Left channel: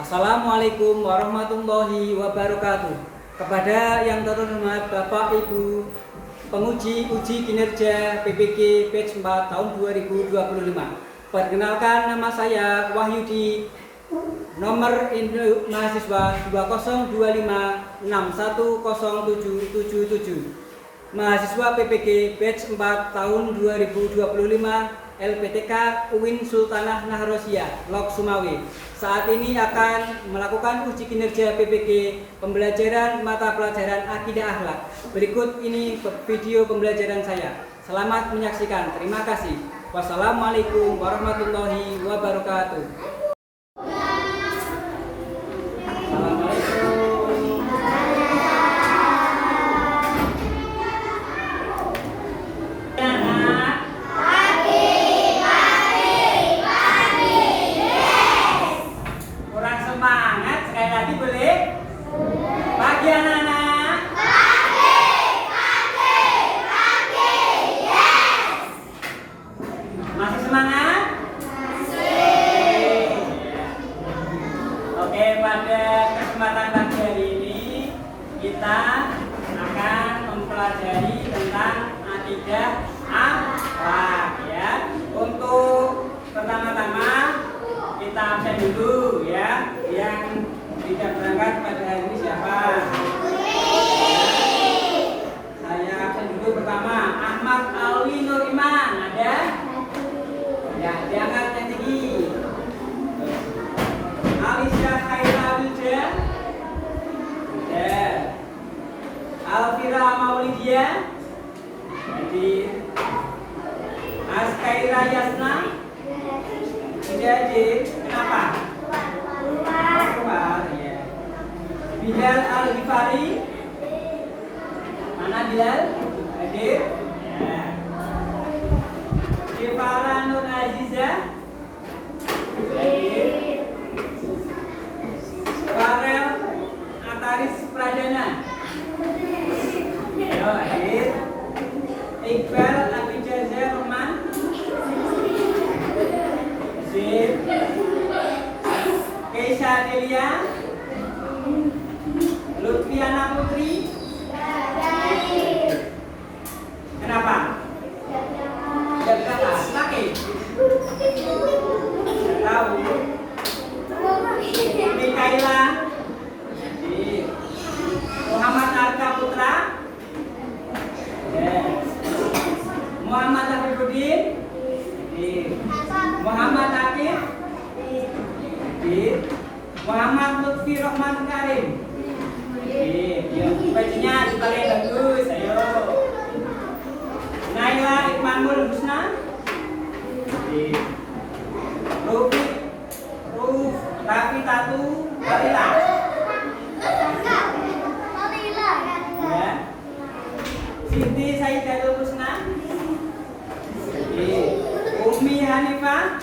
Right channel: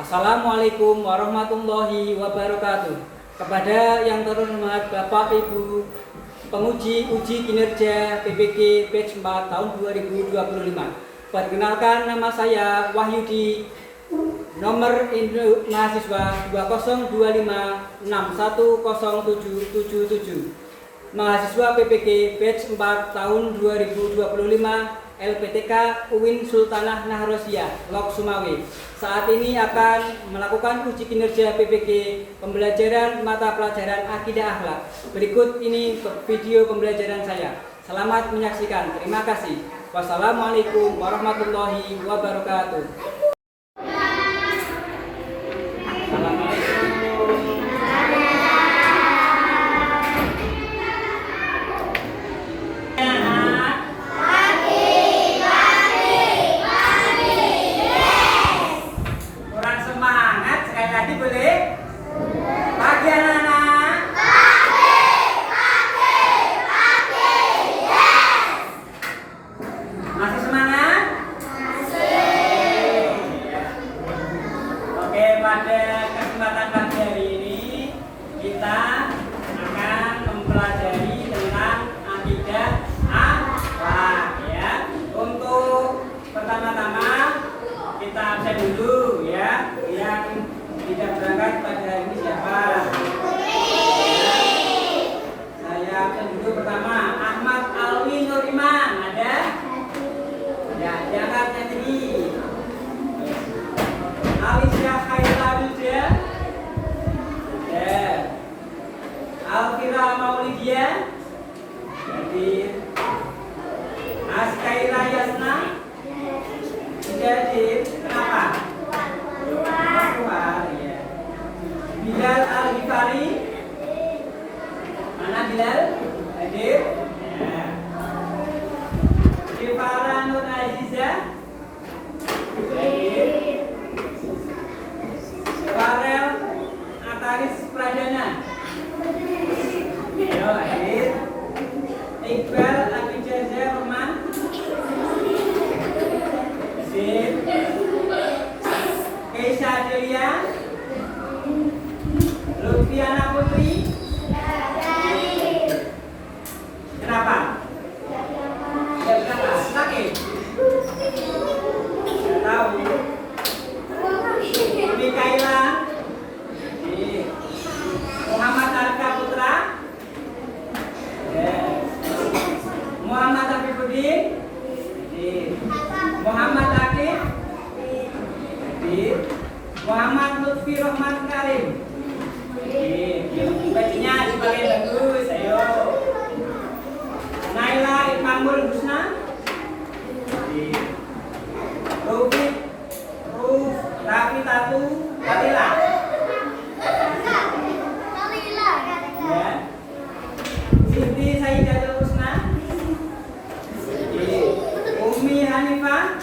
Assalamualaikum warahmatullahi wabarakatuh. Kepada yang terhormat Bapak Ibu penguji uji kinerja PPG Batch 4 tahun 2025. Perkenalkan, nama saya Wahyudi, nomor induk mahasiswa 2025610777. Mahasiswa PPG Batch 4 tahun 2025 LPTK UIN Sultanah Nahrosiyah, Lok Sumawe. Saat ini akan melakukan uji kinerja PPG pembelajaran mata pelajaran Akidah Akhlak. Berikut ini video pembelajaran saya. Selamat menyaksikan. Terima kasih. Wassalamualaikum warahmatullahi wabarakatuh. Masih semangat? Masih. Oke, pada kesempatan pagi hari ini kita akan mempelajari tentang akidah akhlak ya. Untuk pertama-tama kita absen dulu ya. Yang tidak berangkat pada hari ini siapa? Saya absen dulu. Pertama, Ahmad Alwi Nuriman, ada? Ya, diangkat yang tinggi. Alisya Khaira Wilda. Ya. Alfira Maulidia. Hadir. Askaira Yasna. Tidak hadir. Kenapa? Keluar. Ya. Bilal Al-Ghifari. Mana Bilal? Hadir. Ya. Syifara Nur Aziza. Hadir. Farel Ataris Pradana. Ayo, hadir. Iqbal Abijaza Rahman. Hadir. Keisha Delia. Lutfiana Putri. Kenapa? Sakit? Tidak tahu. Mikaela. Muhammad Arka Putra. Muhammad Afifuddin. Muhammad Akif. Muhammad Lutfi Rahman Karim. Bajunya dipakai bagus, ayo. Naila Iqmanul Husna. Raffi Tatu Walila. Ya. Siti Saidatul Husna. Umi Hanifah.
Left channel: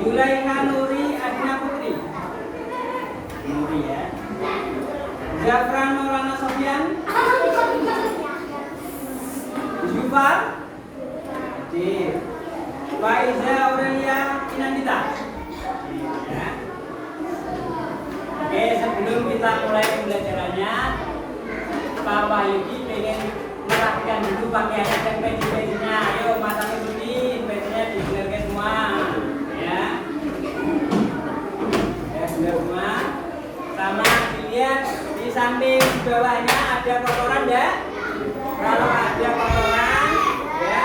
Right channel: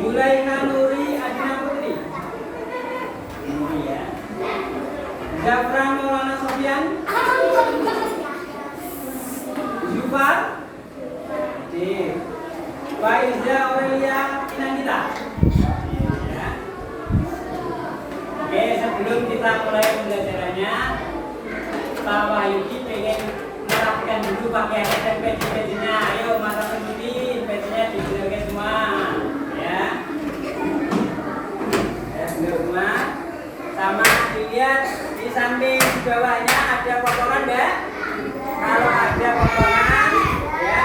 Yulaiha Nuri Adina Putri. Ini ya. Zafran Maulana Sofyan. Jufar. Faiza Aurelia Inandita. Ya. Oke, sebelum kita mulai pembelajarannya, Pak Wahyudi pengen merapikan dulu pakai hashtag peci-pecinya. Ayo, mata tunjukin pecinya dibenerkan semua. Ya. Ya, bener semua. Sama dilihat di samping bawahnya ada kotoran enggak? Kalau ada kotoran, ya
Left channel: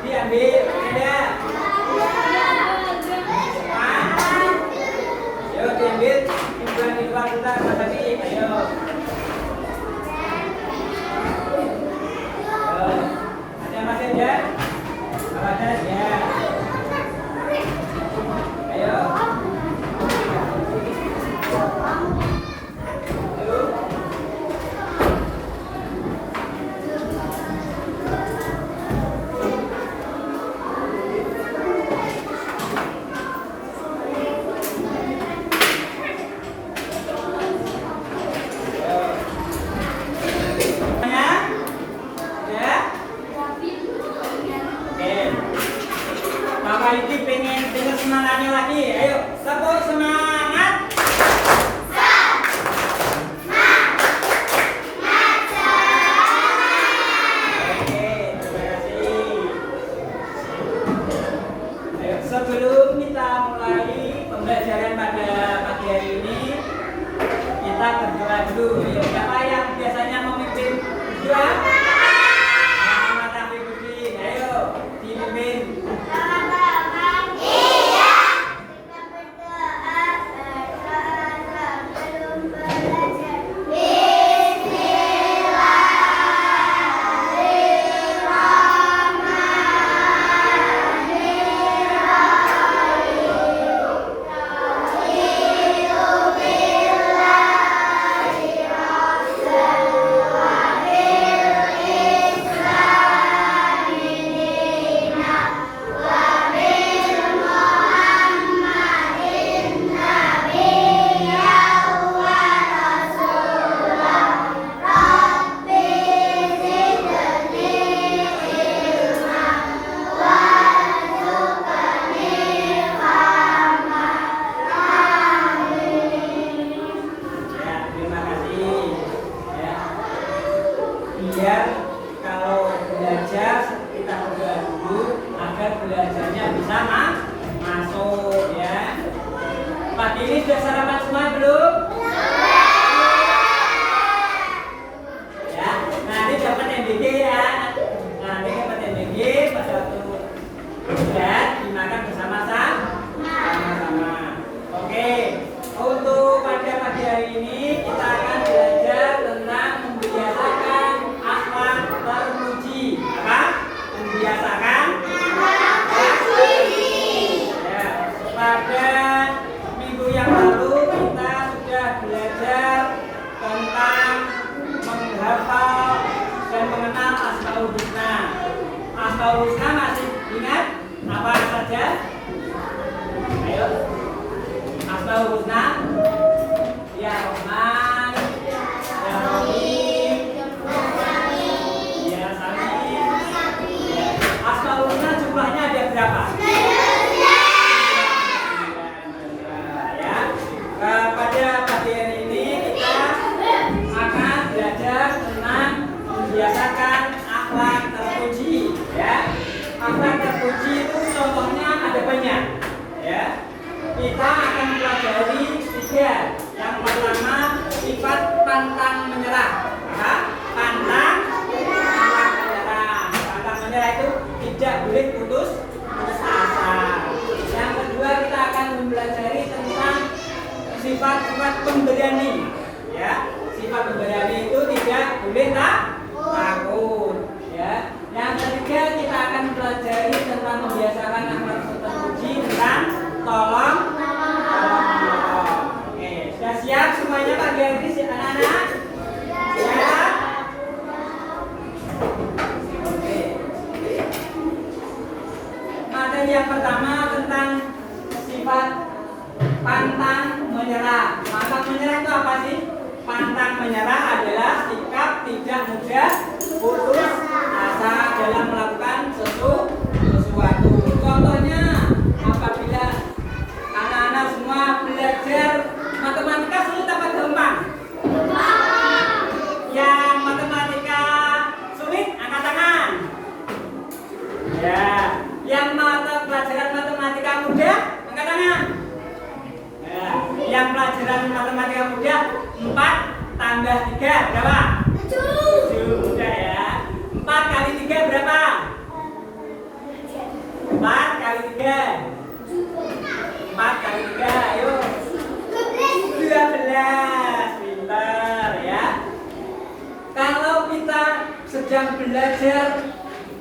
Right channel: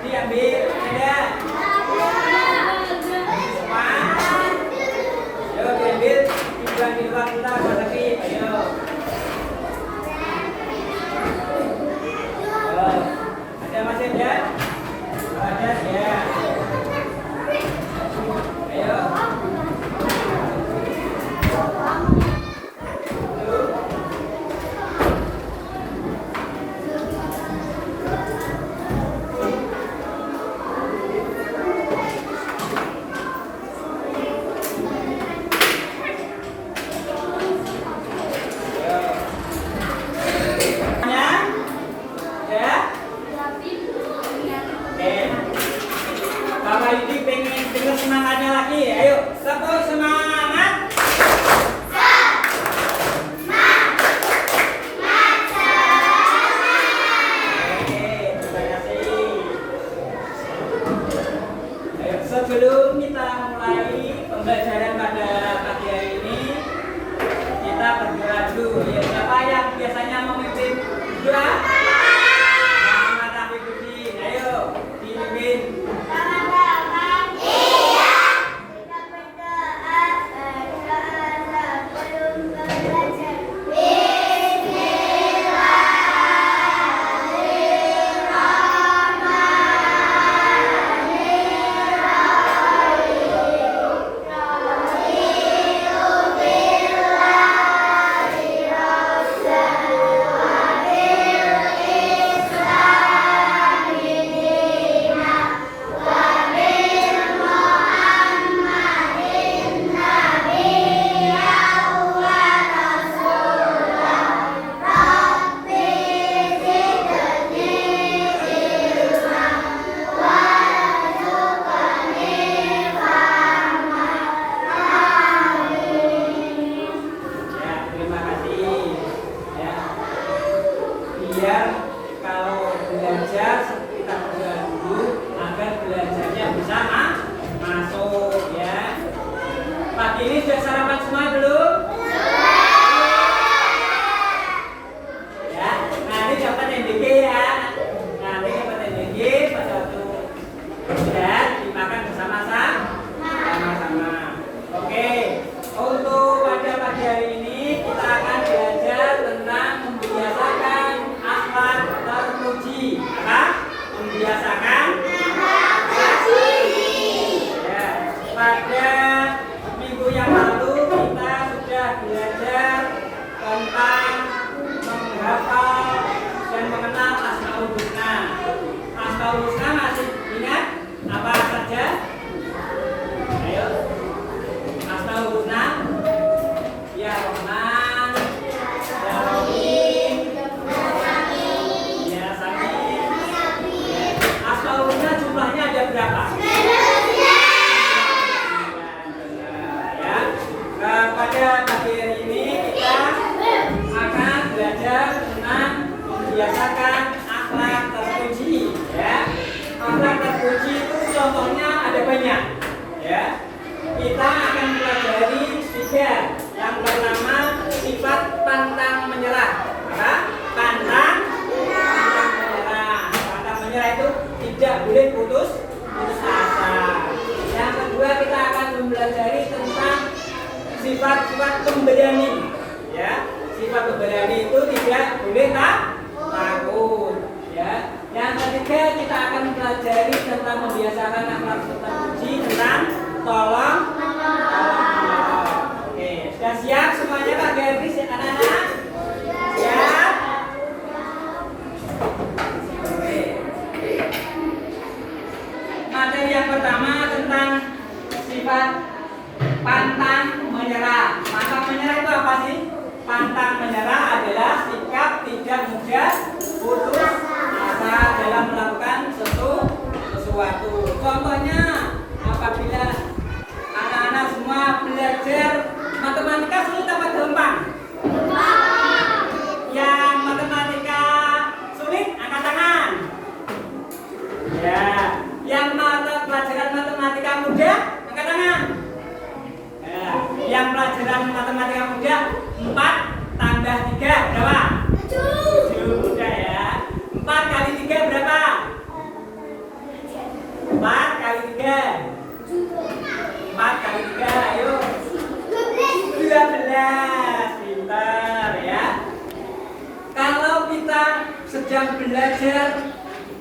diambil, tidak? Ayo diambil, dibuang di luar kita, tapi ayo. Ada masih ada? Kalau ada, ya. Ayo. Walidi pengen dengar semangatnya lagi. Ayo, tepuk semangat. Sebelum kita mulai pembelajaran pada pagi hari ini, kita berdoa dulu. Ya, siapa yang biasanya memimpin doa? Nama Taufiquddin. Ayo, dipimpin. Biar kalau belajar kita berdoa dulu agar belajarnya bisa masuk ya. Pagi ini sudah sarapan semua belum? Ya, nanti dapat MBG ya. Nanti dapat MBG pada waktu dan dimakan bersama-sama. Oke, untuk pada pagi hari ini kita akan belajar tentang membiasakan akhlak terpuji. Apa? Membiasakan akhlak terpuji. Ya, pada minggu yang lalu kita sudah belajar tentang menghafal dan mengenal Asmaul Husna. Asmaul Husna masih ingat apa saja? Ayo. Asmaul Husna. Ya Rahman, Ya Rahim, Ya Samim. Asmaul Husna jumlahnya ada berapa? Ya. Pada pagi hari ini kita akan belajar tentang membiasakan akhlak terpuji. Ya. Akhlak terpuji itu contohnya ada banyak. Ya. Kita akan pelajari 3. Yang pertama, sifat pantang menyerah. Apa? Pantang menyerah. Pantang menyerah itu tidak boleh putus asa. Yang kedua, kita akan mempelajari tentang sifat-sifat pemberani. Ya, sifat pemberani itu tidak boleh takut. Ya. Yang ketiga, kita akan mempelajari tentang membiasakan akhlak terpuji tentang tolong menolong. Oke, sudah siap semuanya Pak Gabri, anak-anak? Siap? Oke. Materi yang pertama tentang sifat pantang menyerah. Pantang menyerah itu apa sih? Pantang menyerah adalah sikap tidak mudah putus asa dalam melakukan sesuatu. Contohnya, apabila anak-anak semua belajar matematika sulit apa gampang? Yang matematika sulit angkat tangan. Ya, yang pelajaran matematika mudah angkat tangan. Ya, yang pelajaran matematika mudah 4 tambah 3 berapa? 7 mudah ya. 4 kali 3 berapa? 4 kali 3 4 kali 3, ayo 12, pintar ya. Kalau kita sedang belajar,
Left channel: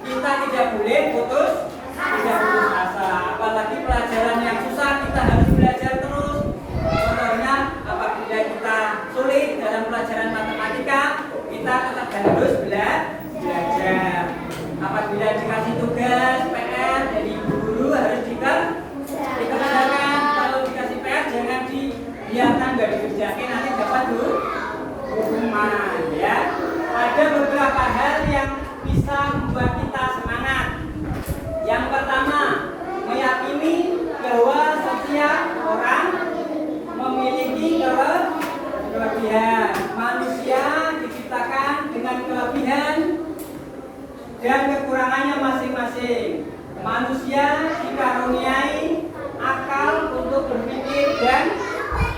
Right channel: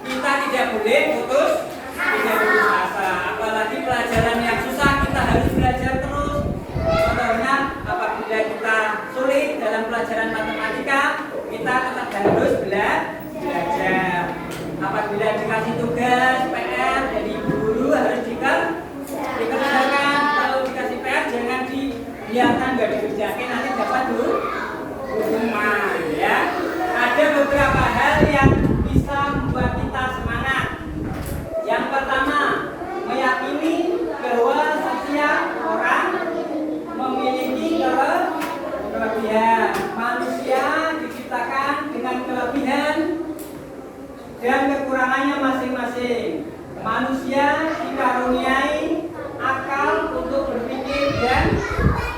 kita tidak boleh putus asa. Apalagi pelajaran yang susah, kita harus belajar terus. Contohnya, apabila kita sulit dalam pelajaran matematika, kita tetap harus belajar. Apabila dikasih tugas PR dari guru harus dikerjakan. Kalau dikasih PR jangan dibiarkan nggak dikerjakan, nanti dapat hukuman ya. Ada beberapa hal yang bisa membuat kita semangat. Yang pertama, meyakini manusia dikaruniai akal untuk berpikir dan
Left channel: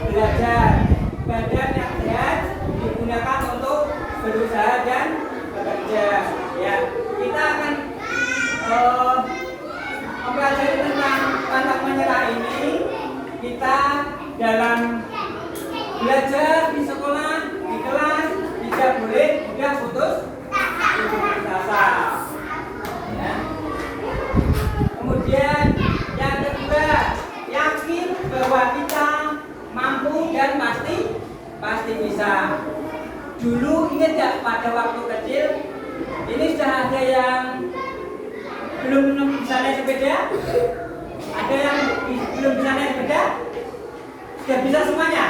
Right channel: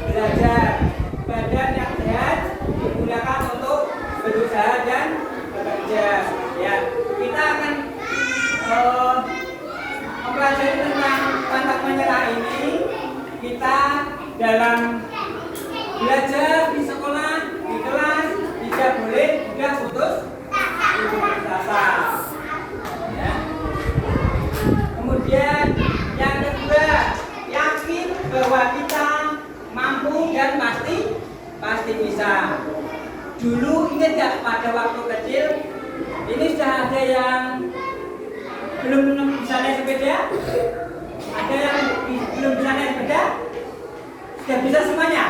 belajar. Badan yang sehat digunakan untuk berusaha dan bekerja. Ya, kita akan mempelajari tentang pantang menyerah ini. Kita dalam belajar di sekolah, di kelas, tidak boleh mudah putus asa. Ya. Kemudian yang kedua, yakin bahwa kita mampu dan pasti bisa. Dulu ingat gak pada waktu kecil ini sudah ada yang belum bisa naik sepeda? Ada yang belum bisa naik sepeda? Sudah bisa semuanya?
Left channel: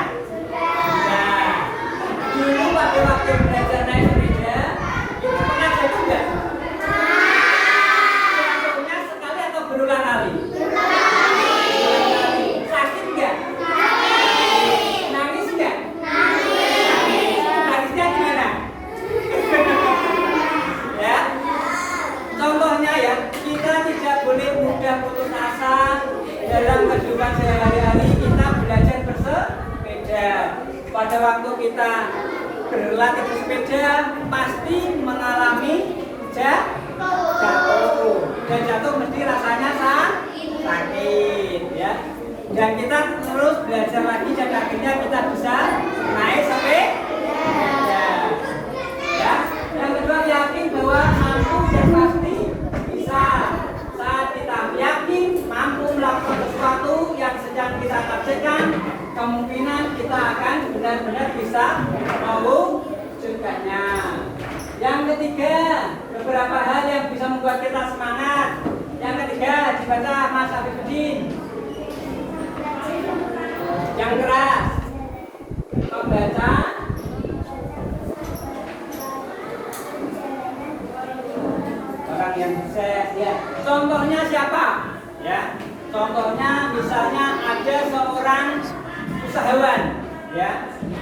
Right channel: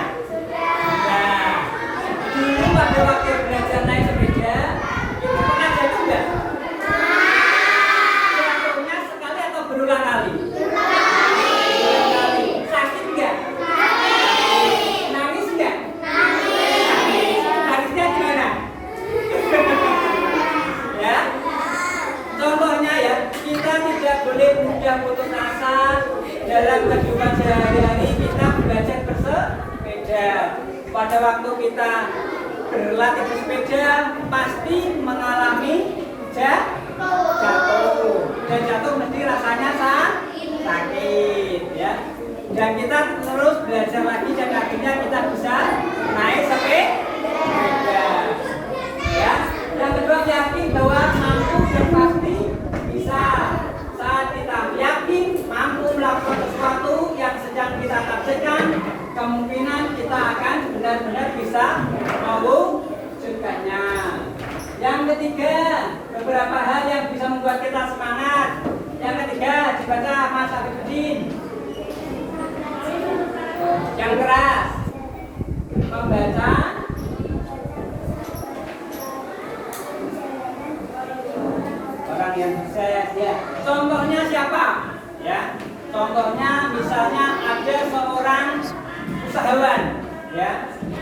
Nah, dulu pada waktu belajar naik sepeda itu pernah jatuh nggak? Jatuhnya sekali atau berulang kali? Berulang kali. Sakit nggak? Nangis nggak? Nangisnya gimana? Ya, contohnya ya, kita tidak boleh mudah putus asa dalam kehidupan sehari-hari. Kita belajar bersepeda. Pada waktu kita berlatih bersepeda pasti mengalami jatuh. Dan jatuh mesti rasanya sakit, ya. Dan kita terus belajar lagi dan akhirnya kita bisa naik sepeda. Ya. Yang kedua, yakin bahwa mampu dan pasti bisa. Saat kita yakin mampu melakukan sesuatu yang sedang kita kerjakan, kemungkinan kita akan benar-benar bisa mewujudkannya. Yang ketiga, beberapa hal yang bisa membuat kita semangat. Yang ketiga, dibaca Mas Abidin. Yang keras, membaca orang yang sukses. Ya. Contohnya siapa? Ya. Contohnya misalnya ada seorang usahawan, ya,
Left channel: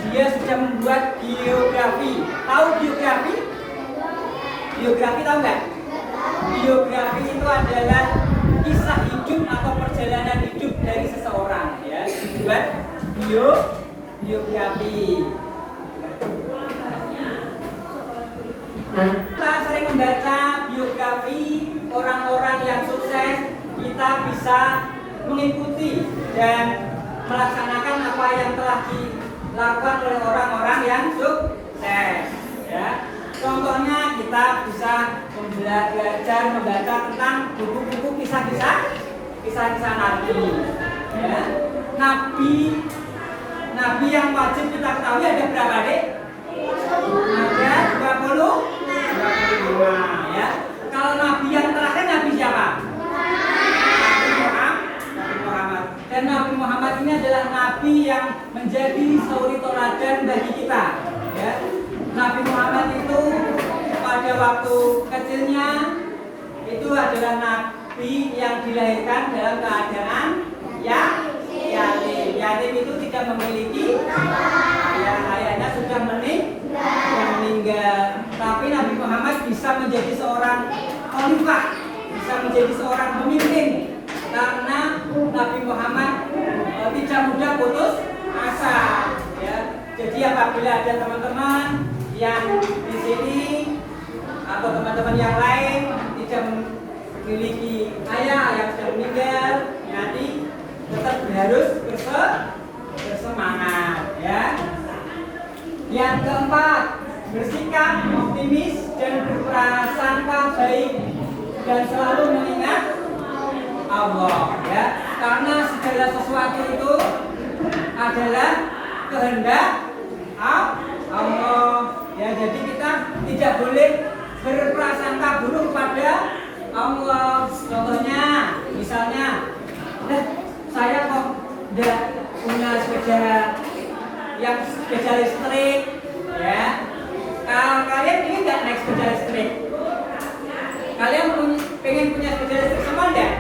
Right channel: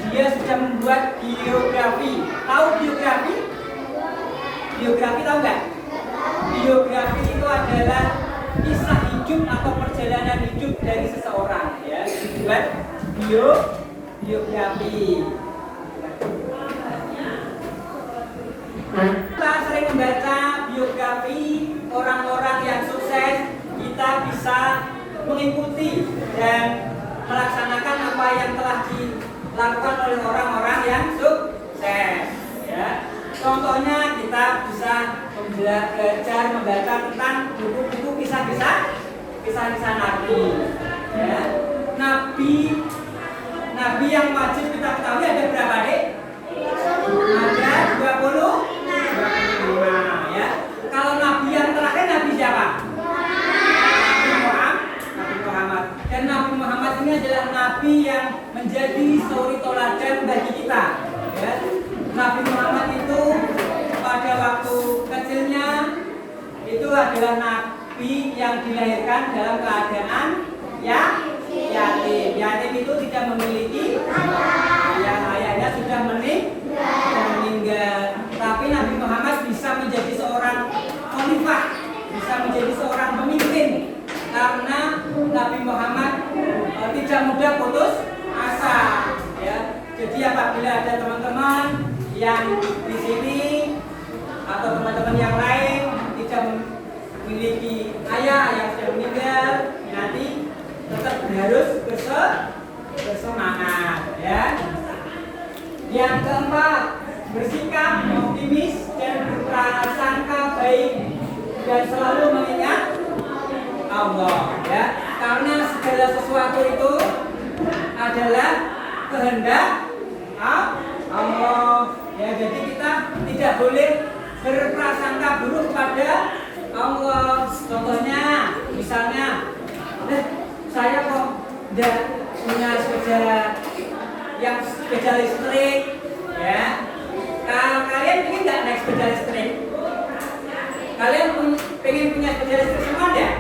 dia sudah membuat biografi. Tahu biografi? Biografi tahu nggak? Biografi itu adalah kisah hidup atau perjalanan hidup dari seseorang, ya, dibuat biografi. Kita sering membaca biografi orang-orang yang sukses, kita bisa mengikuti dan melaksanakan apa yang telah dilakukan oleh orang-orang yang sukses. Ya. Contohnya kita bisa belajar membaca tentang buku-buku kisah-kisah Nabi. Ya. Nabi yang wajib kita ketahui ada berapa, Dek? Ada 25. Ya. Kalau Nabi yang terakhir Nabi siapa? Nabi Muhammad. Dan Nabi Muhammad ini adalah Nabi yang menjadi suri toladan bagi kita. Ya. Nabi Muhammad itu pada waktu kecilnya itu adalah Nabi yang dilahirkan dalam keadaan yatim. Yatim itu tidak memiliki yang ayahnya sudah meninggal. Tapi Nabi Muhammad bisa menjadi seorang khalifah, bisa menjadi seorang pemimpin karena Nabi Muhammad tidak mudah putus asa. Ya. Jadi apabila ada teman-teman yang di sini atau teman-teman yang lain tidak memiliki ayah yang sudah meninggal, nanti tetap harus bersemangat, ya. Yang keempat, bersikap optimis dan berprasangka baik dan selalu mengingat Allah, ya. Karena segala sesuatu itu adalah kehendak Allah, ya. Jadi kita tidak boleh berprasangka buruk pada Allah. Contohnya, misalnya, saya kok tidak punya sepeda listrik, ya. Kalau kalian ingin nggak naik sepeda listrik? Kalian pengen punya sepeda listrik semua enggak?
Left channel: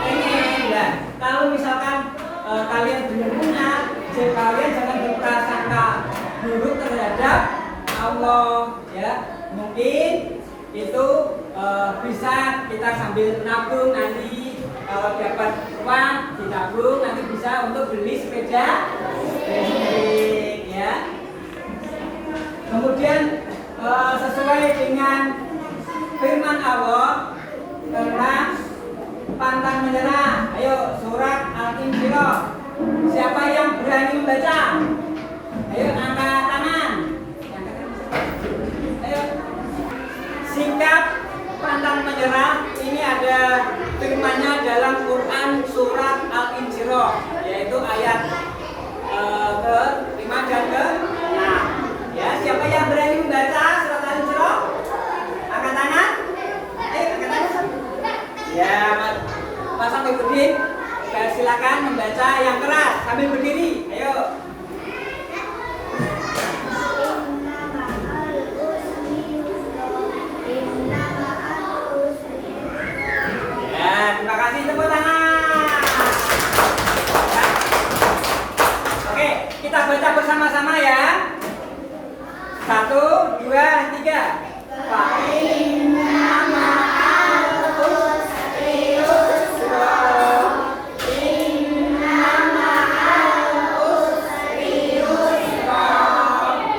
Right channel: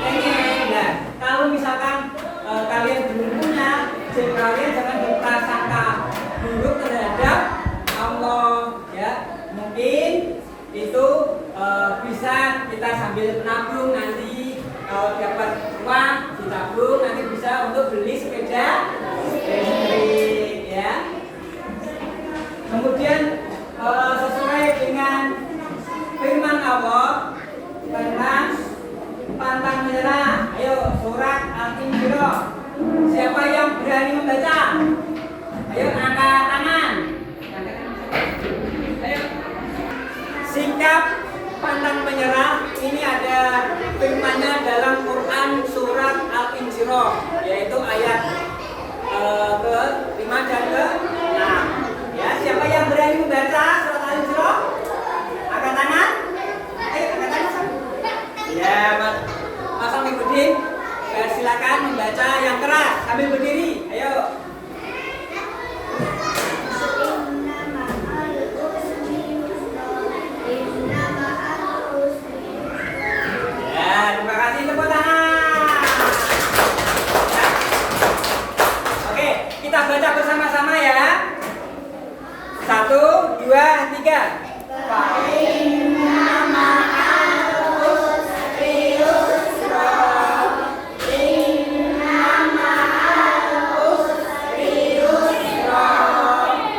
Pengen, ya. Kalau misalkan kalian belum punya, kalian jangan berprasangka buruk terhadap Allah, ya. Mungkin itu bisa kita sambil nabung nanti Kalau dapat uang ditabung nanti bisa untuk beli sepeda listrik ya. Kemudian sesuai dengan firman Allah tentang pantang menyerah. Ayo surat Al-Insyirah. Siapa yang berani membaca? Ayo angkat tangan. Ayo. Sikap pantang menyerah ini ada firmannya dalam Quran surat Al-Insyirah, yaitu ayat ke-5 dan ke-6. Ya, siapa yang berani membaca surat Al-Insyirah? Angkat tangan. Ayo angkat tangan. Ya, Mas Amiruddin, silakan membaca yang keras sambil berdiri. Ayo. Terima kasih, tepuk tangan. Ya. Oke, kita baca bersama-sama ya. 1, 2, 3.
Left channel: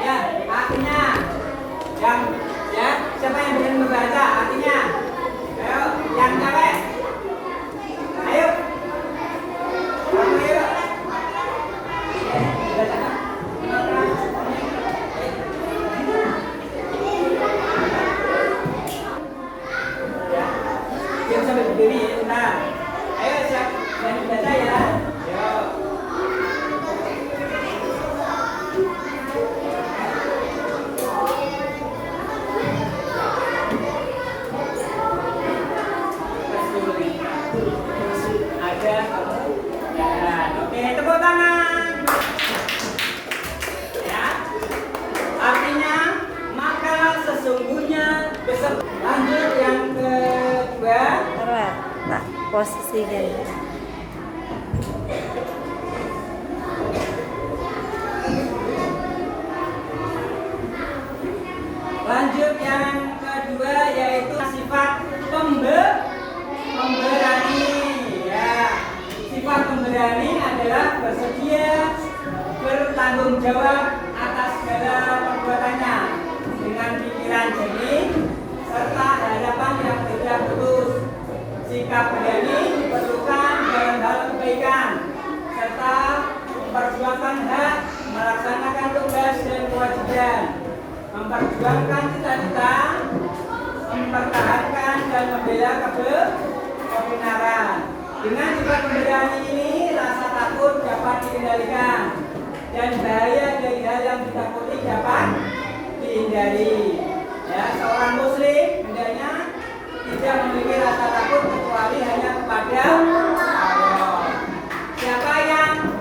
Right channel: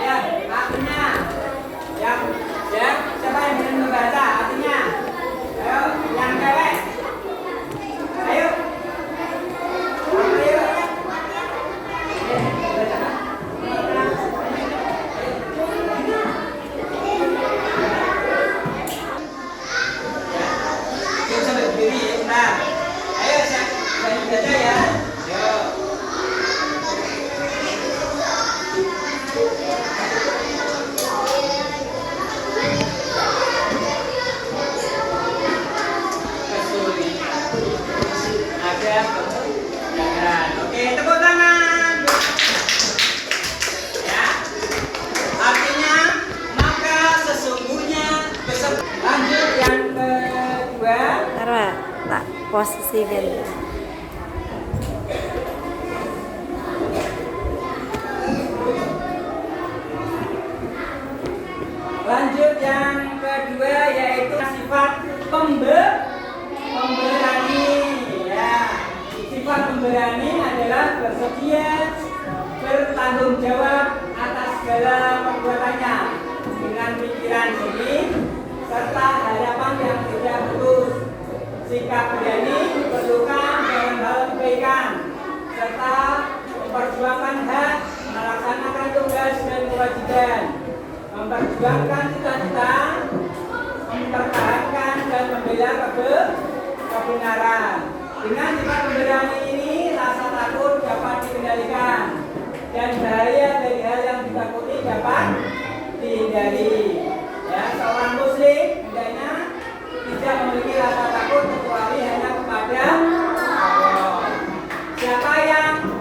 Ya, artinya siapa yang bisa membaca artinya? Ayo, yang cewek. Ayo. Ayo. Bisa berdiri, nah. Ayo siapa yang baca ya? Yo. Ada kemudahan. Oke, tepuk tangan. Ya. Artinya maka sesungguhnya lanjut yang kedua. Taruh, tak posisikan. Lanjut yang kedua yaitu sifat pemberani. Ya, sifat pemberani adalah bersedia bertanggung jawab atas segala perbuatannya dengan pikiran jernih serta harapan yang tidak putus. Sikap berani diperlukan dalam hal kebaikan serta memperjuangkan hak, melaksanakan tugas dan kewajiban, memperjuangkan cita-cita, mempertahankan dan membela kebenaran. Dengan sifat pemberani ini, rasa takut dapat dikendalikan dan bahaya dari hal yang ditakuti dapat dihindari. Ya, seorang muslim hendaknya tidak memiliki rasa takut kecuali hanya kepada Allah. Siapa yang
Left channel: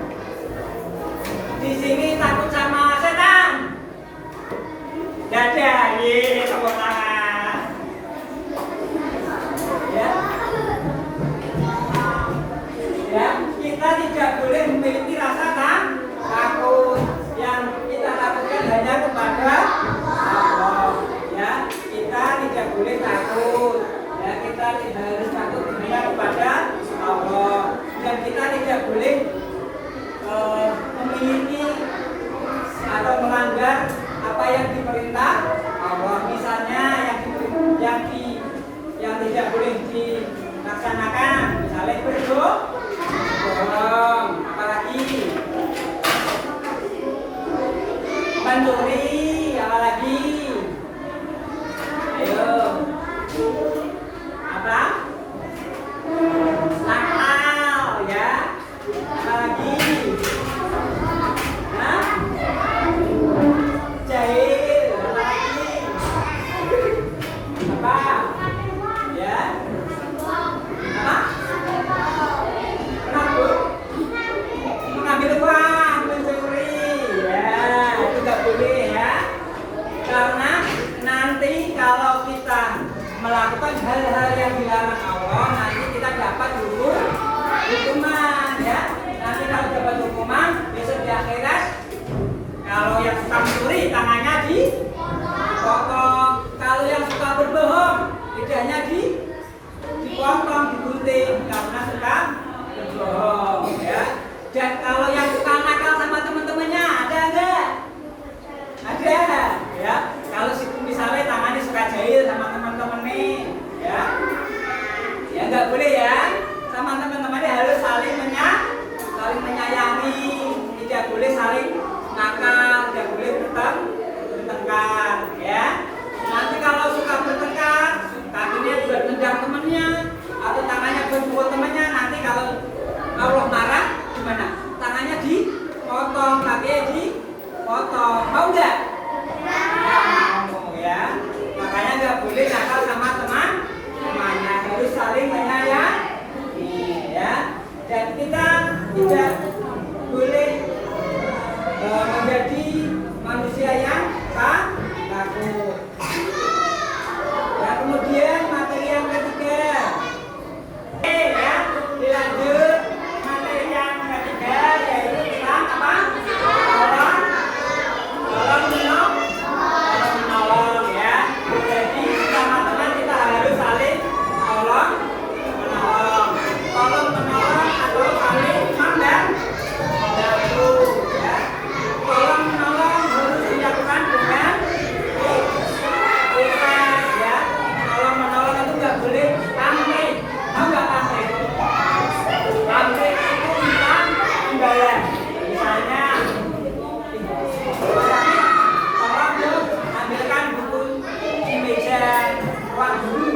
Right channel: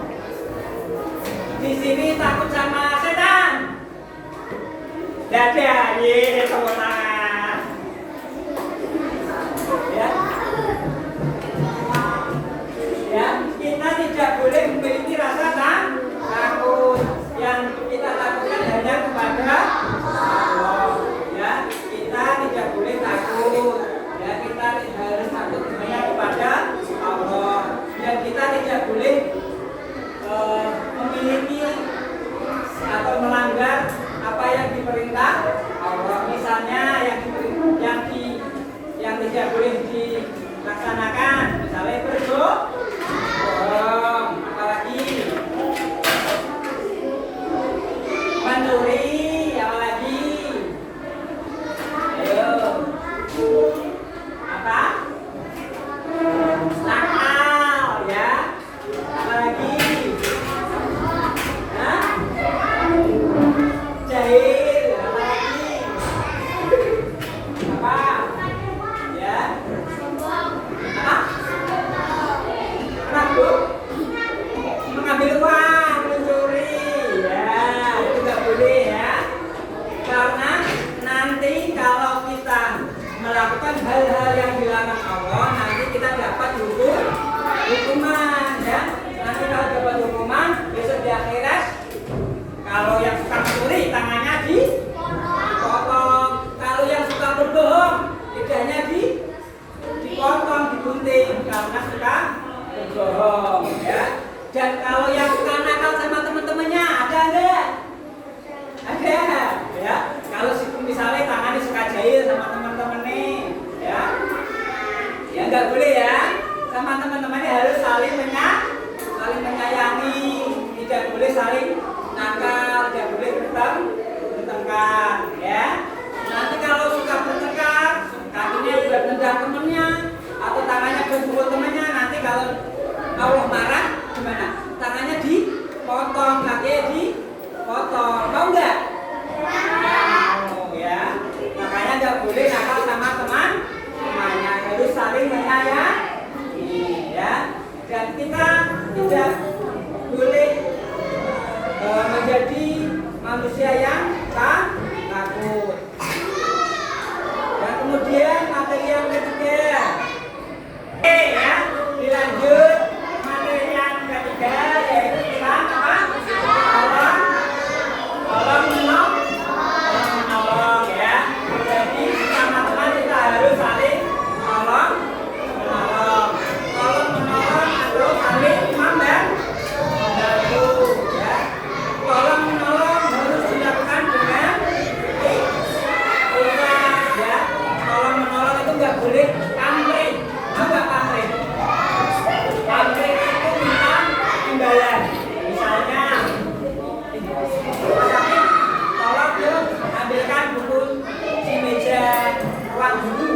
di sini takut sama setan? Dada, ye, tepuk tangan. Ya. Ya, kita tidak boleh memiliki rasa takut. Yang kita takutkan hanya kepada Allah. Ya, kita tidak boleh takut. Ya, kita tidak harus takut hanya kepada Allah. Dan kita tidak boleh memiliki atau melanggar apa yang diperintah Allah. Misalnya yang tidak boleh dilaksanakan, misalnya berbohong, apalagi mencuri, apalagi ayo apa nakal ya, apalagi jahil, apalagi apa ya, apa ini harus saling menyayangi, tidak boleh saling nakal, tidak boleh bertengkar, ya. Nanti kalau suka bertengkar, kakinya buat nendang temennya, atau tangannya buat pukul temennya, nanti kalau Allah marah gimana? Tangannya dipotong, kakinya dipotong, mau nggak? Mau, ya. Makanya nggak boleh nakal sama temannya, harus saling menyayangi, ya. Dan kita tidak boleh menjadi manusia yang takut. Dan kemudian materi yang ketiga, ya, dilanjut materi yang ketiga yaitu tentang apa? Tolong menolong, ya. Jadi teman-teman kita harus saling menolong atau saling membantu, ya. Tolong menolong harus dilakukan dengan ikhlas, ya. Tolong menolong itu nggak boleh pamrih. Mau nggak pamrih? Pamrih itu kita imbalan. Misalnya, tolong yuk ambilkan buku di meja ruang guru.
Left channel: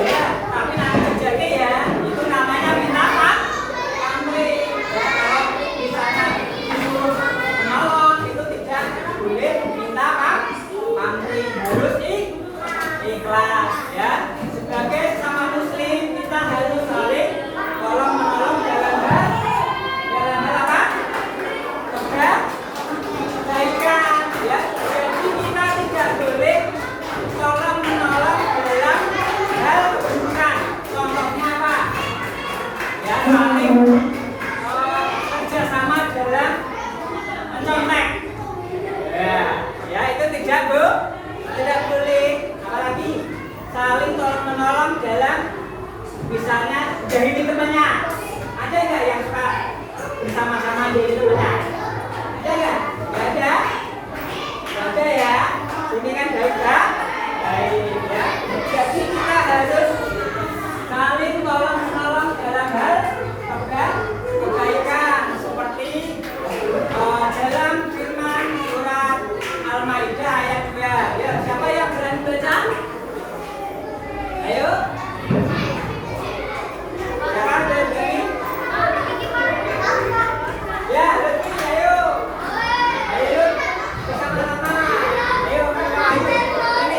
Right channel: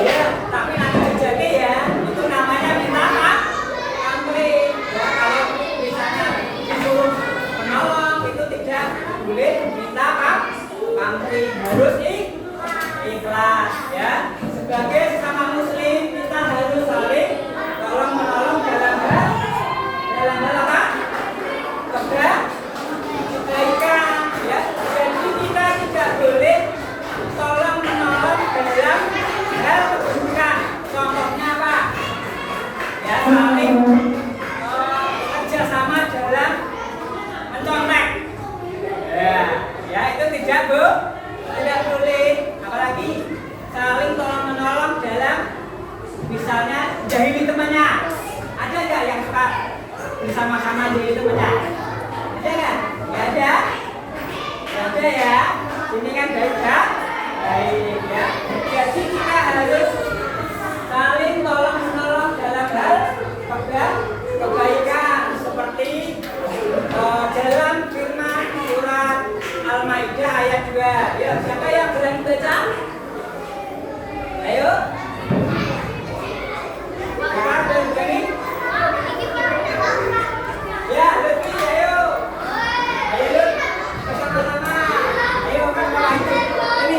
Ya, tapi nanti terjadi ya, itu namanya minta pamrih. Ya, kalau misalnya disuruh menolong itu tidak boleh minta pamrih, harus ikhlas, ya. Sebagai sesama muslim kita harus saling tolong menolong dalam hal apa? Kebaikan, ya. Jadi kita tidak boleh tolong menolong dalam hal keburukan. Contohnya apa? Ya, saling kerjasama dalam mencontek. Ya, itu tidak boleh. Apalagi saling tolong menolong dalam misalnya jahili temannya. Ada nggak yang suka bersama-sama jahili temannya? Ada nggak? Nggak ada. Nggak ada, ya. Ini kan baik, ya. Jadi kita harus saling tolong menolong dalam hal kebaikan seperti dalam firman surat Al-Maidah ayat 2. Ya, siapa yang berani baca? Ayo. Siapa berani? Ya, lebih, ayo. Ayo, bersama-sama. Ayo, ini.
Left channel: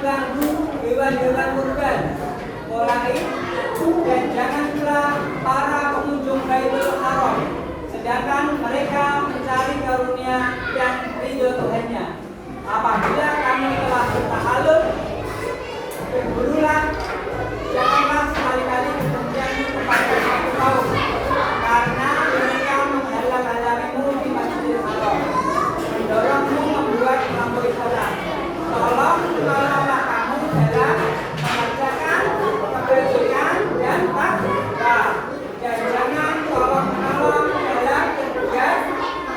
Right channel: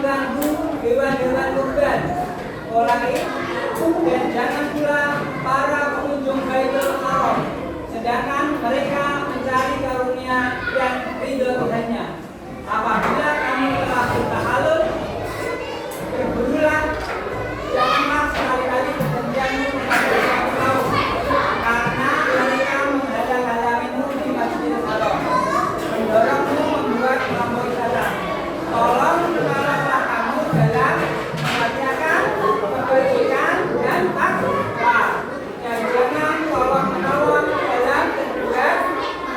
mengganggu hewan-hewan kurban lain, dan jangan pula para pengunjung Baitul Haram, sedangkan mereka mencari karunia dan ridho Tuhannya. Apabila kamu telah bertahalul, berbulan, janganlah sekali-kali berjanji kepada satu kaum, karena mereka menghalang-halangimu di Masjidil Haram, mendorongmu membuat kelompok ibadah. Tolonglah kamu dalam mengerjakan kebajikan dan takwa, dan jangan tolong-menolong dalam berbuat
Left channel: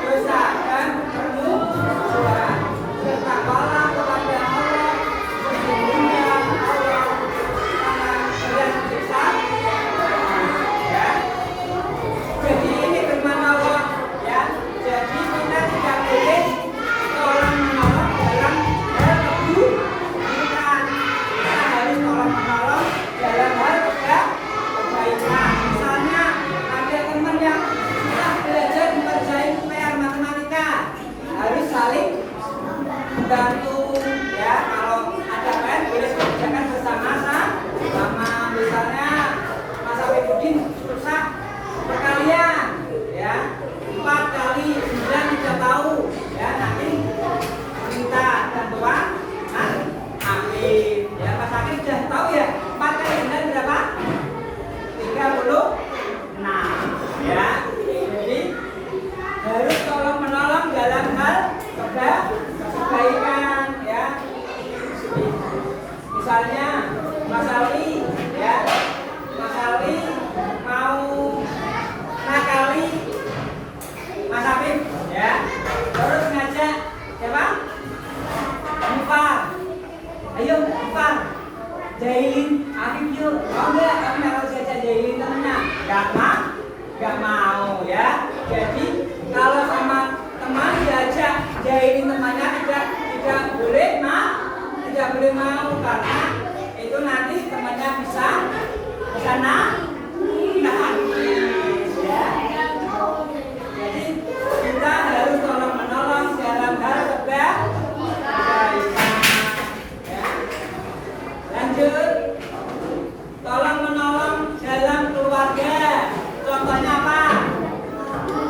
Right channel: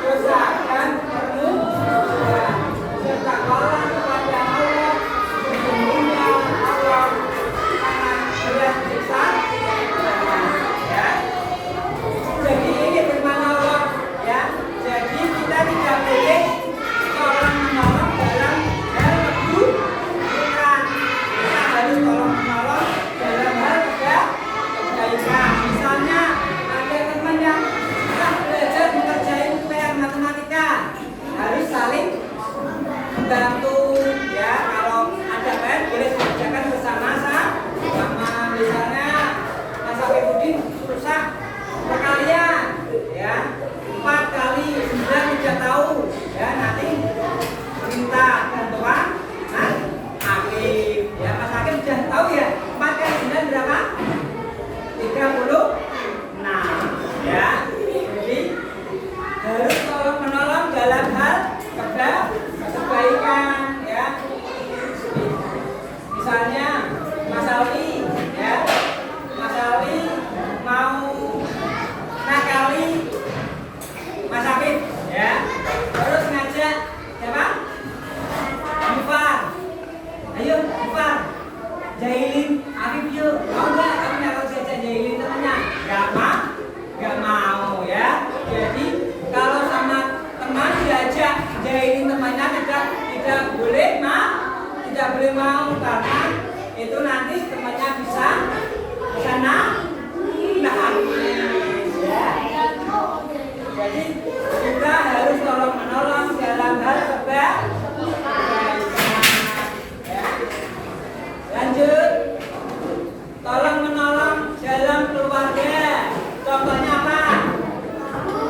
dosa dan bermusuhan. Bertakwalah kepada Allah, sesungguhnya Allah sangat berat siksa. Ya. Jadi ini firman Allah, ya. Jadi kita tidak boleh tolong-menolong dalam hal keburukan. Kita harus tolong-menolong dalam hal kebaikan. Misalnya ada teman yang sudah belajar mengerjain PR matematika, harus saling membantu, ya. Kalau ada PR boleh dikerjakan bersama-sama. Misalnya Mas Afifudin susah perkalian, ya, 4 kali 9 tidak tahu, ya, nanti minta bantuan Mas Hakim, ya. Mas Hakim sudah tahu, ya, 4 kali 9 berapa? 36, ya. Jadi harus tolong menolong dalam hal kebaikan, ya. Misalnya Mas Ali, ya, Mas Ali mau nakali Mas Afif, ya, terus ngajak siapa? Mufar, ayo Mufar, jahilin Afif yuk, mau nggak? Kamu harus ngajak jahilin temennya? Nggak mau, ya. Jadi kalau sama teman diajak jahilin temannya tidak boleh mau, karena itu nanti temannya bisa nangis, ya. Jadi kita harus tolong menolong dalam hal kebaikan, ya. Lanjut, tolong menolong dalam keluarga. Contohnya apa?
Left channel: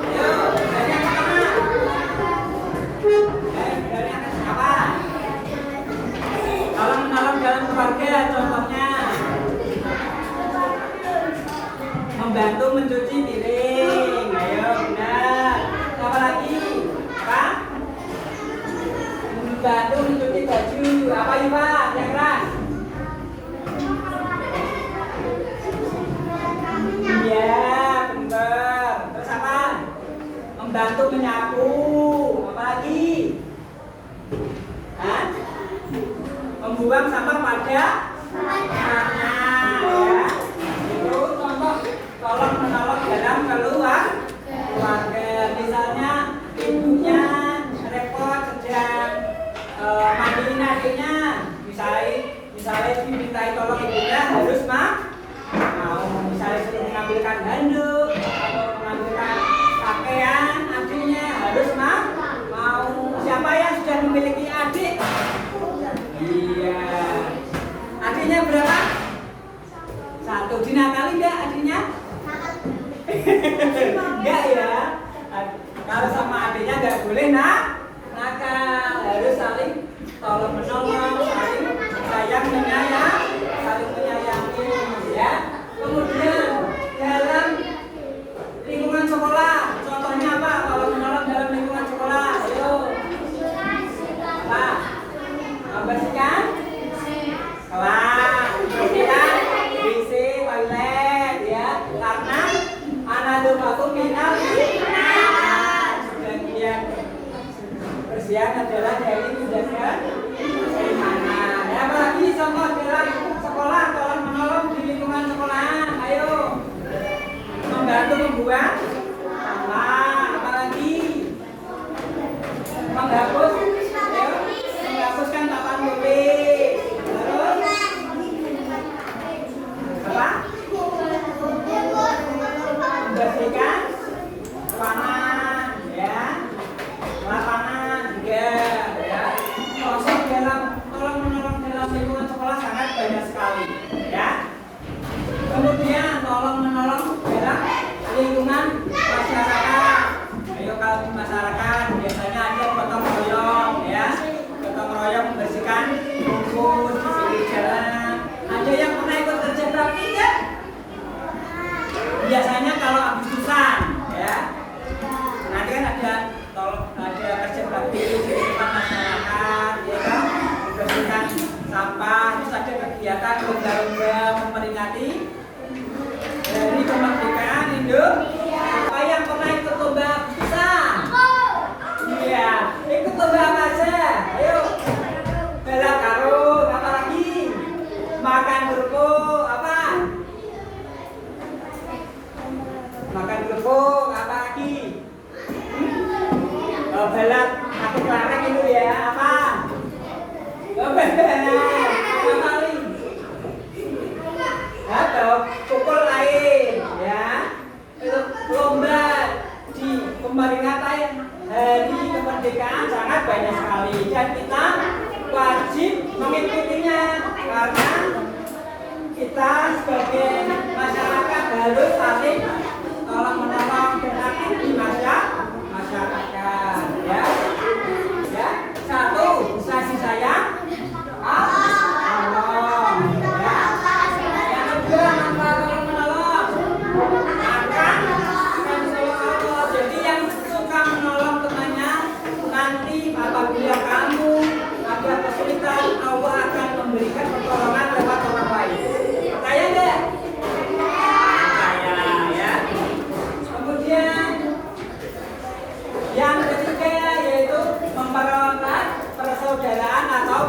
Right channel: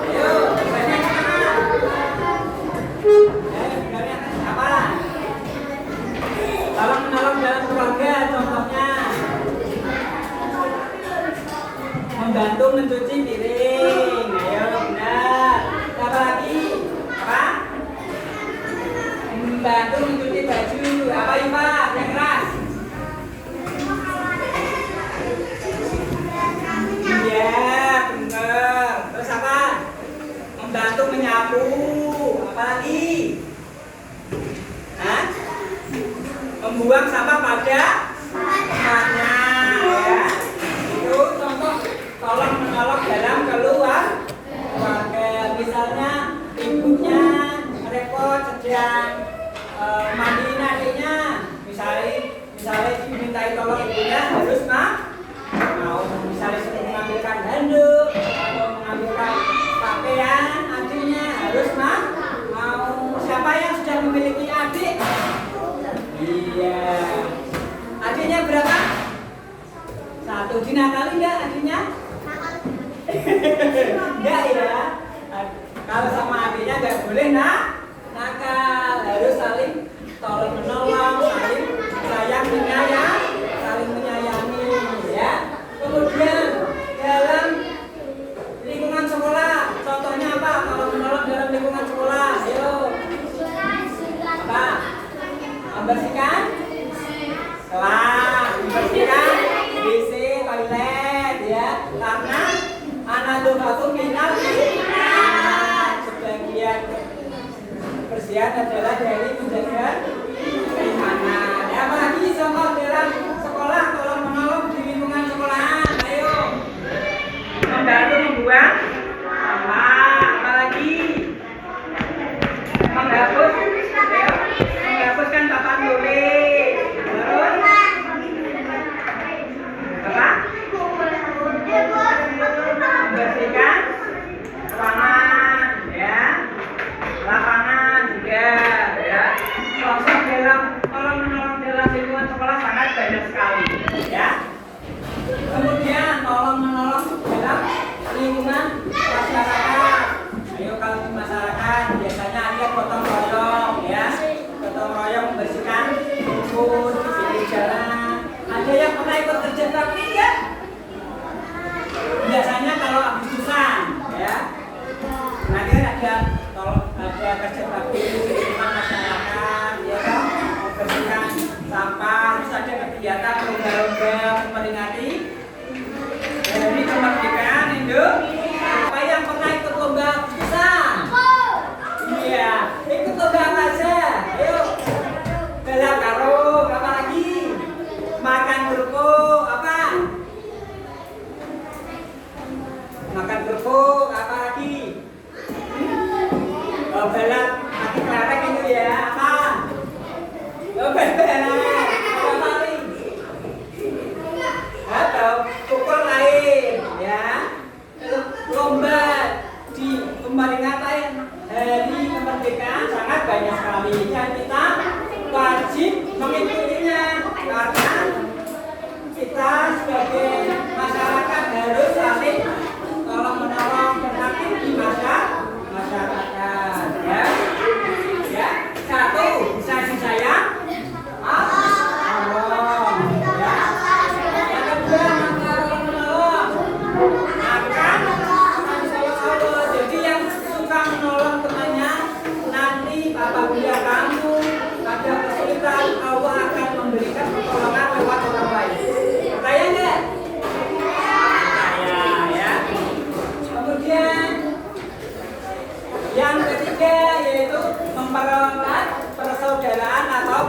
Ayo, banyak mana? Apa? Tolong menolong dalam keluarga, contohnya membantu mencuci piring. Ayo, benar. Apa lagi? Apa? Membantu mencuci baju. Apa Iva? Yang keras. Iya, benar. Terus apa? Membantu menyapu. Apa lagi? Hah? Membuang sampah pada tempatnya, ya. Itu contoh tolong menolong dalam keluarga. Misalnya ibunya repot sedang mandiin adiknya, misalnya dimintai tolong ibunya harus mau, misalnya sering mengambilkan handuk atau mengambilkan pakaian adiknya harus mau. Siapa yang sudah memiliki adik? Iya. Adiknya berapa? 1. Dinakali enggak adiknya? Enggak, ya. Kalau sama adiknya enggak boleh nakal, harus saling tolong menolong, saling sayang saling menyayangi, ya. Kemudian dalam lingkungan sekolah, contohnya apa? Kalau menolong dalam lingkungan sekolah, ayo. Apa? Membersihkan kelas, membersihkan WC, toilet, ya. Karena analogatu minal sebagian kebersihan adalah dari menjaga keimanan. Ya, apalagi contoh dalam sekolah, tolong menolong di lingkungan sekolahan. Ayo, membantu membuang sampah. Apalagi menghapuskan papan tulis. Terus apa? Membersihkan ruangan, ya, lapangan juga, ya. Proses dalam tolong menolong dalam lingkungan bakti kan? Biasanya kalau Agustusan ya. Nanti kan ada kerja bakti di depan masyarakat, ya kan? Membersihkan sampah, terus ada kegiatan lomba-lomba memperingati dari kemerdekaan Indonesia. Siapa yang pernah ikut lomba Agustusan? Iya, ikut lomba apa aja? Ayo. Balap karung, apa lagi? Makan kerupuk, apa? Makan kerupuk, apa lagi? Oh, balap aku kelareng itu ya, apa? Oh, balap, apa paling? Atau pukul air, ya? Lomba di peringatan Hari Kemerdekaan sangat banyak sekali dan kita wajib mengikutinya karena kita sebagai masyarakat harus saling tolong menolong dan aktif di masyarakat, ya. Ya, satu bisa disayang, tolong, ya. Yang kedua manfaat tolong menolong, akan Allah. Jadi yang suka menolong temannya nanti apabila kamu ada kesulitan, Allah akan memberikan pertolongan lewat orang lain. Percaya enggak? Percaya, ya. Kemudian yang ketiga yaitu mempererat persaudaraan atau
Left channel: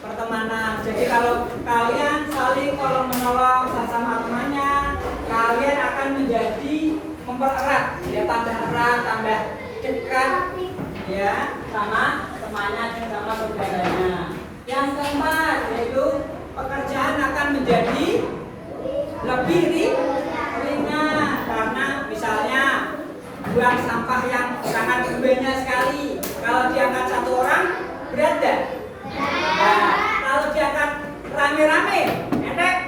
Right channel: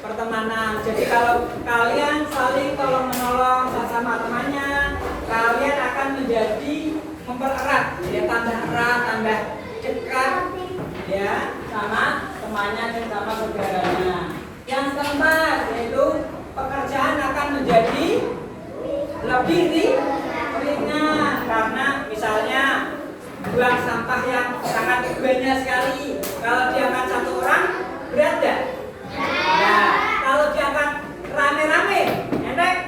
pertemanan. Jadi kalau kalian saling tolong menolong sesama temannya, kalian akan menjadi mempererat, ya, tambah erat, tambah dekat, ya, sama temannya dan sama saudaranya. Yang keempat yaitu pekerjaan akan menjadi lebih ringan karena misalnya buang sampah yang sangat banyak sekali, kalau diangkat satu orang berat enggak? Ya, kalau diangkat rame-rame enteng?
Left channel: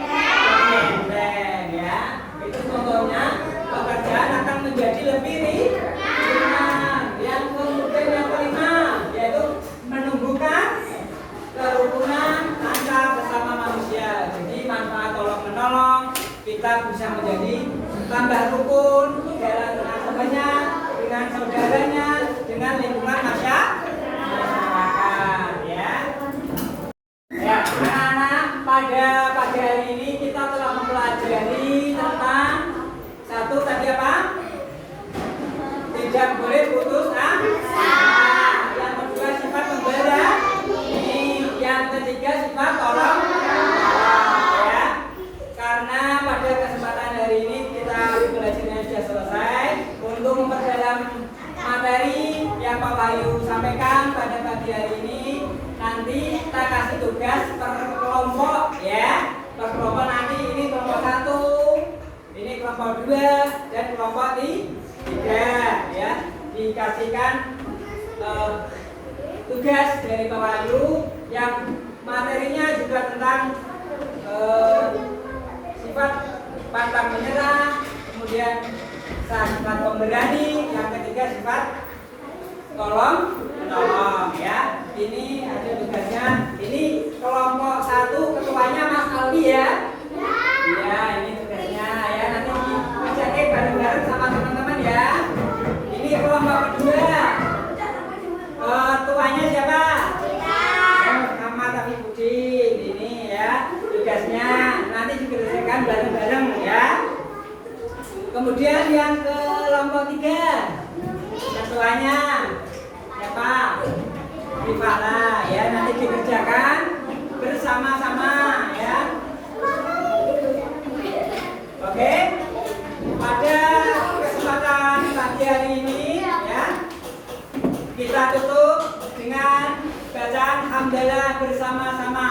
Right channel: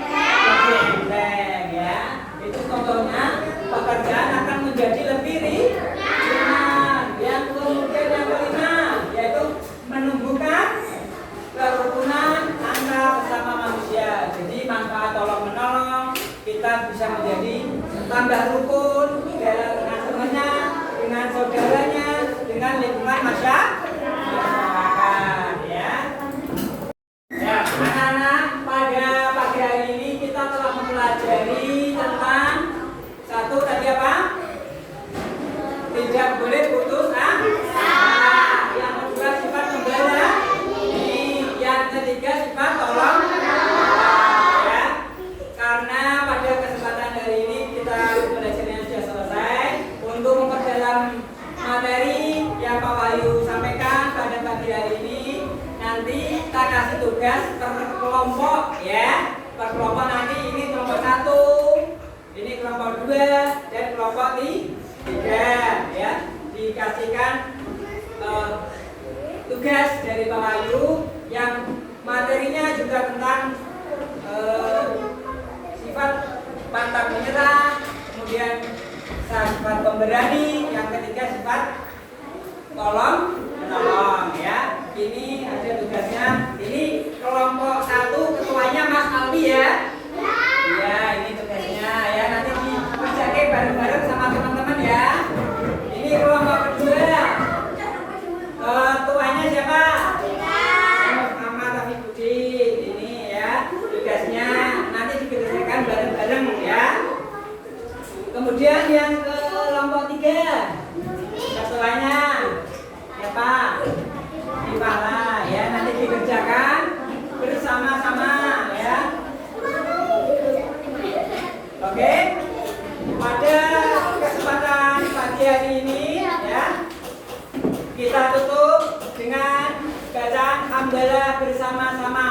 Enteng, ya. Itu contohnya pekerjaan akan menjadi lebih ringan. Yang kemudian yang kelima yaitu menumbuhkan kerukunan antar sesama manusia. Jadi manfaat tolong menolong, kita bisa menjadi tambah rukun dengan temannya, dengan saudaranya, dengan lingkungan masyarakat, ya. Ya, anak-anak, pada pagi hari ini kita telah mempelajari tentang satu tadi apa? Tidak boleh putus asa. Yang kedua sifat membela. Yang ketiga sifat tolong menolong, ya. Karena pada kesempatan hari ini kita belajarnya sudah selesai. Untuk memperdalam materi yang Pak Wahyu sampaikan pada pagi hari ini, nanti kita kasih tugas per kelompok, ya. Per kelompok nanti ini kelompok 1, ini kelompok 2 dan kelompok 3, ya. Dikasihkan tugas dari Pak Wahyu yang materinya juga tentang sifat pantang menyerah, kemudian sifat pemberani, yang ketiga sifat tolong menolong, ya. Ini ada tugasnya. Ini kelompok 1 ketuanya Mas Aldi, ya. Ya, ini tugasnya, ya. Nanti dikerjakan bareng-bareng sama teman-teman, ya. Ini kelompok kedua. Ketuanya siapa? Sama tapi Budin. Ini, ya. Tugasnya nanti dikerjakan bareng-bareng, ya. Kemudian yang kelompok 3, ketuanya siapa? Rifana, ya. Nanti dikerjakan bersama-sama, ya. Oke. Pada kesempatan pagi hari ini, ya, kita tutup dengan bacaan hamdalah bersama-sama.